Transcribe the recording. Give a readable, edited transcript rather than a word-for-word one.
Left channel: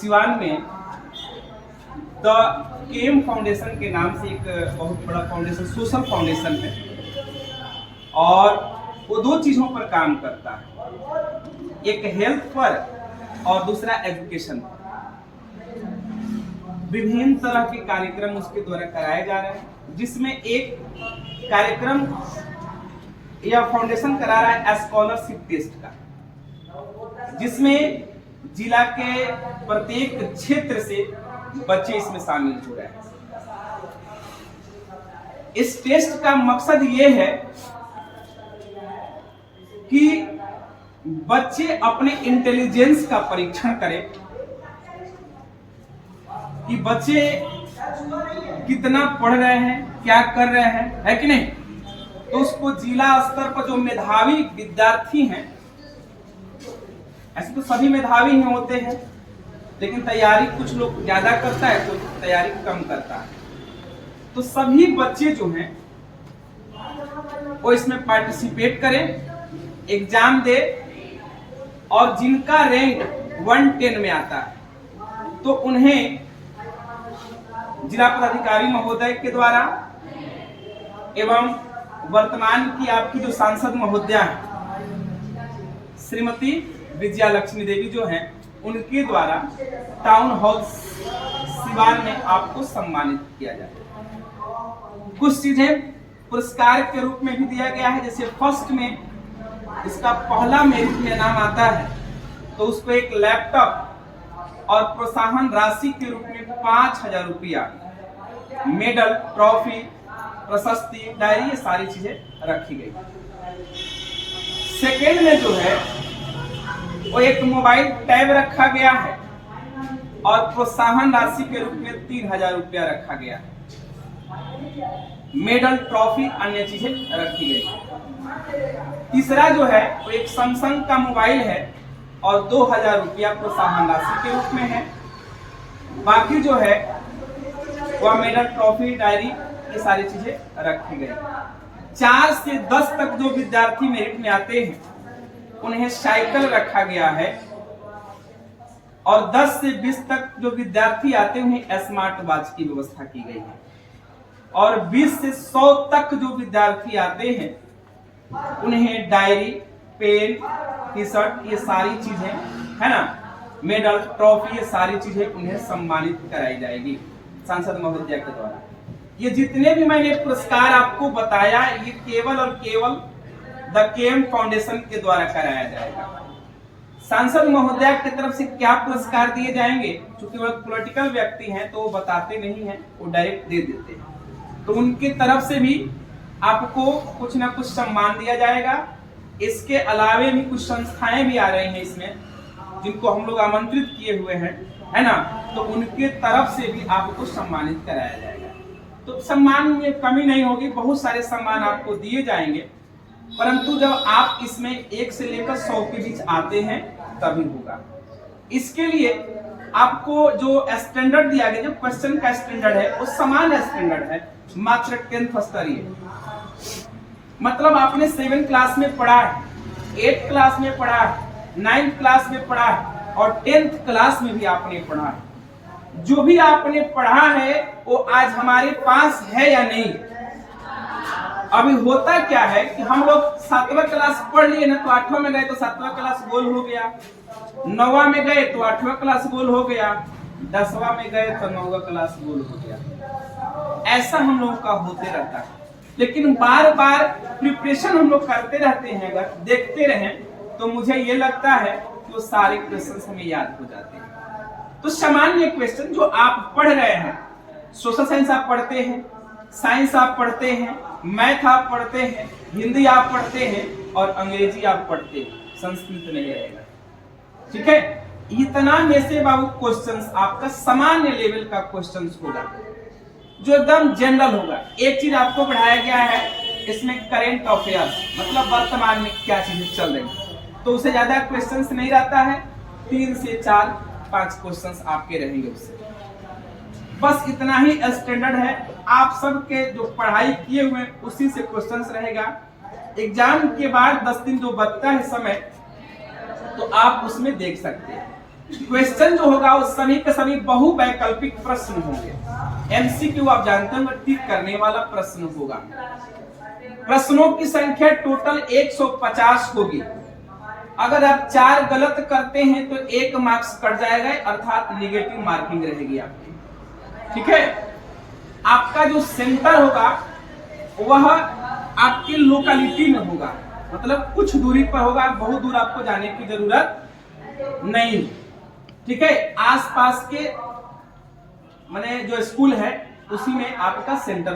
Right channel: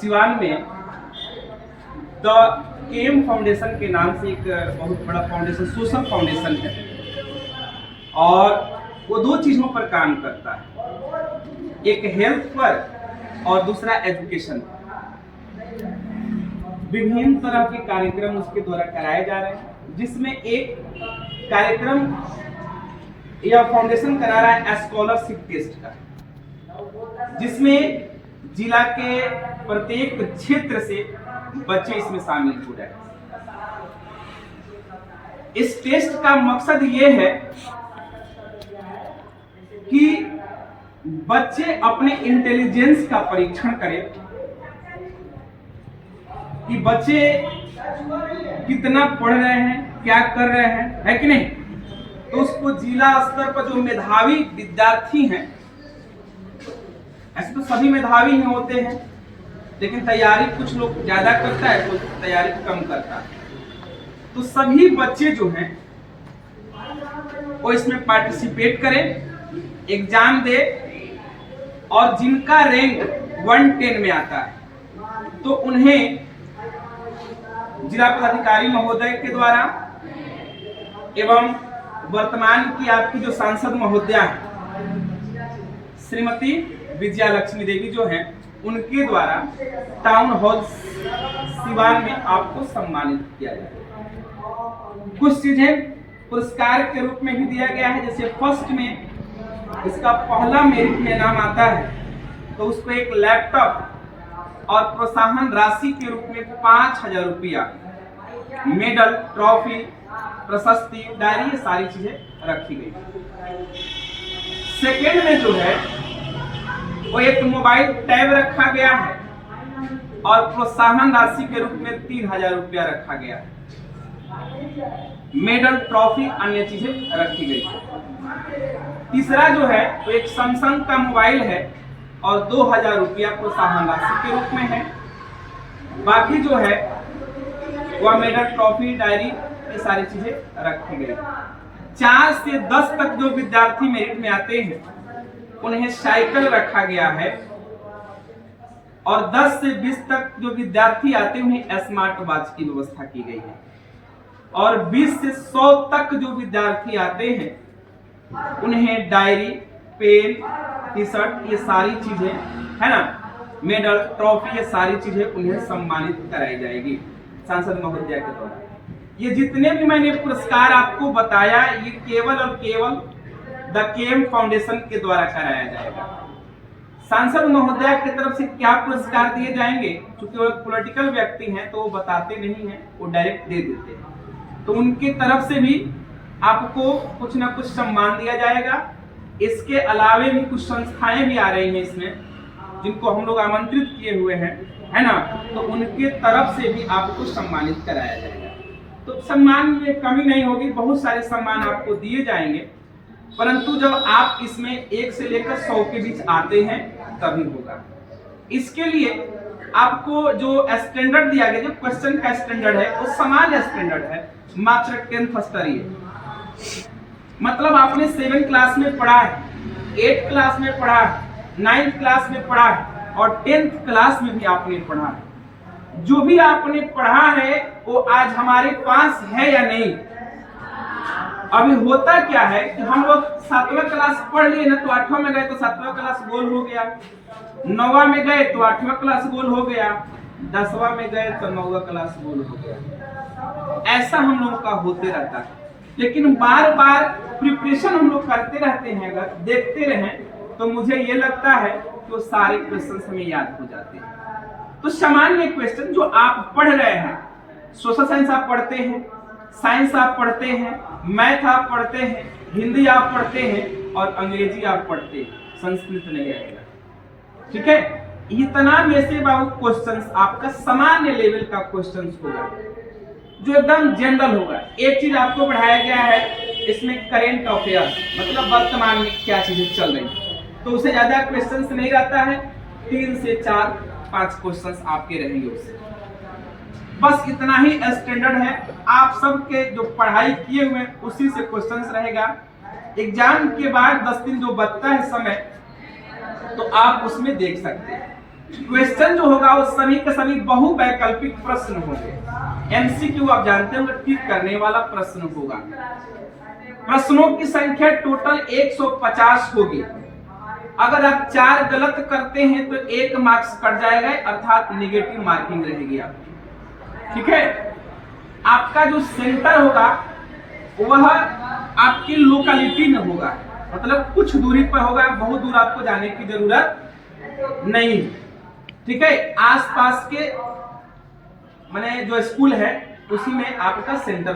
सिवान में the came foundation के नाम से एक बहुत बड़ा फाउंडेशन, सोशल फाउंडेशन है, और वो दो चीज़ों पर काम करता है, एक हेल्थ पर और दूसरा एजुकेशन। विभिन्न तरह के कार्यक्रम उसके द्वारा कराए जा रहे हैं, जिसमें एक कार्यक्रम यह फाउंडेशन करा रहा है स्कॉलरशिप टेस्ट का, जिसमें जिला के प्रत्येक क्षेत्र से बच्चे इसमें शामिल हो रहे हैं। इस टेस्ट का मकसद ये है कि बच्चे अपने इंटेलिजेंस का परीक्षण करें कि बच्चे कितना पढ़ रहे हैं, क्या कर रहे हैं, है कि नहीं। तो उसको जिला स्तर पर जो मेधावी विद्यार्थी हैं, ऐसे तो सभी मेधावी ही होते हैं, लेकिन तैयारी कुछ लोग ज्यादा करता है, कुछ तैयारी कम करता है, तो सभी बच्चे जो हैं वो इसमें पार्टिसिपेट करें, एग्जाम दे, और जिनका रैंक 110 में आता है तो उन्हें जिला पदाधिकारी महोदय के द्वारा एवं वर्तमान की आपकी जो सांसद महोदया है श्रीमती विजया लक्ष्मी देवी जो हैं, उनके द्वारा टाउन हॉल सिवान में आपको सम्मानित किया जाएगा। कुछ चीजें पुरस्कार के रूप में भी दिया गया है, जैसे फर्स्ट में इसका पहला मेरिट में नाम आता है तो उसको एक लैपटॉप और प्रोत्साहन राशि के रूप में 5,000 रुपया, मेडल, ट्रॉफी, प्रशस्ति, डायरी, ये सारी चीजें रखी गई। सेकेंड में जो है वो एक मोबाइल टैब रखा गया है और प्रोत्साहन राशि के रूप में 3,000 रुपया रखा गया है, मेडल, ट्रॉफी, अन्य चीजें रखी गई। तीसरा जो है वो एक सैमसंग का मोबाइल है और 2,000 रुपया प्रोत्साहन राशि के रूप में है। बाकी जो है वह मेडल, ट्रॉफी, डायरी, ये सारी चीजें रखी गई। 4 से 10 तक जो विद्यार्थी मेरिट में आते हैं उन्हें साइकिल रखा गया है, और 10 से 20 तक जो विद्यार्थी आते हैं उन्हें स्मार्ट वॉच की व्यवस्था की गई है, और 20 से 100 तक जो विद्यार्थी आते हैं उन्हें डायरी, पेन, टी शर्ट, ये सारी चीजें है ना, मेडल, ट्रॉफी, ये सारी चीजें उन्हें सम्मानित कराई जाएगी सांसद महोदया के द्वारा। ये जितने भी मैंने पुरस्कार आपको बताया, ये केवल और केवल द केम फाउंडेशन के द्वारा कराया जाएगा। सांसद महोदया की तरफ से क्या पुरस्कार दिए जाएंगे, क्योंकि वो पॉलिटिकल व्यक्ति हैं तो वो बताते नहीं हैं, वो डायरेक्ट दे देते हैं, तो उनकी तरफ से भी आपको कुछ ना कुछ सम्मान दिया जाएगा। इसके अलावे भी कुछ संस्थाएं भी आ रही हैं इसमें, जिनको हम लोग आमंत्रित किए हुए हैं, है ना, तो उनके तरफ से भी आपको सम्मानित कराया जाएगा। तो सम्मान में कमी नहीं होगी, बहुत सारे सम्मान आपको दिए जाएंगे, परंतु जब आप इसमें 1 से लेकर 100 के बीच आते हैं तभी होगा। इसके लिए आपको जो स्टैंडर्ड दिया गया, जो क्वेश्चन का स्टैंडर्ड है वो समान स्टैंडर्ड है, मात्र 10th स्तरीय, मतलब आपने 7 क्लास में पढ़ा है, 8 क्लास में पढ़ा है, 9th क्लास में पढ़ा है और 10th क्लास में भी आपने पढ़ा है। जो भी आपने पढ़ा है वो आज हमारे पास है या नहीं। अभी होता क्या है कि हम लोग 7वां क्लास पढ़ लिए ना, तो 8वां में गए तो 7वां क्लास गोल हो गया, 9वां में गए तो 8वां क्लास गोल हो गया, 10वां में गए तो 9वां क्लास गोल हो गया। ऐसा हम लोगों का होते रहता है, लेकिन बार बार प्रिपरेशन हम लोग करते रहते हैं, अगर देखते रहें तो मुझे ये लगता है कि वो सारे क्वेश्चन हमें याद हो जाते हैं। तो सामान्य क्वेश्चन जो आप पढ़ रहे हैं, सोशल साइंस आप पढ़ते हैं, साइंस आप पढ़ते हैं, मैथ आप पढ़ते हैं, हिंदी आप पढ़ते हैं और अंग्रेजी आप पढ़ते हैं, संस्कृत नहीं रहेगा, ठीक है। इतना में से बाबू क्वेश्चंस आपका सामान्य लेवल का क्वेश्चंस होगा, जो एकदम जनरल होगा। एक चीज आपको पढ़ाया गया है इसमें, करेंट अफेयर्स, मतलब वर्तमान में क्या चीजें चल रही है, तो उससे ज्यादा क्वेश्चंस नहीं रहता है, 3 से 4-5 क्वेश्चंस आपके रहेंगे उससे, बस इतना ही स्टैंडर्ड है। आप सबके जो पढ़ाई किए हुए उसी से क्वेश्चंस रहेगा। एग्जाम के बाद 10 दिन जो बचता है समय, तो आप उसमें देख सकते हैं। क्वेश्चन जो होगा वो सभी के सभी बहुवैकल्पिक प्रश्न होंगे। एमसीक्यू आप जानते होंगे, टिक करने वाला प्रश्न होगा। प्रश्नों की संख्या टोटल 150 होगी। अगर आप 4 गलत करते हैं तो 1 मार्क्स कट जाएगा, अर्थात निगेटिव मार्किंग रहेगी आपकी। ठीक है, आपका जो सेंटर होगा वह आपकी लोकेलिटी में होगा, मतलब कुछ दूरी पर होगा, बहुत दूर आपको जाने की जरूरत नहीं। ठीक है, आसपास के माने जो स्कूल है उसी में आपका सेंटर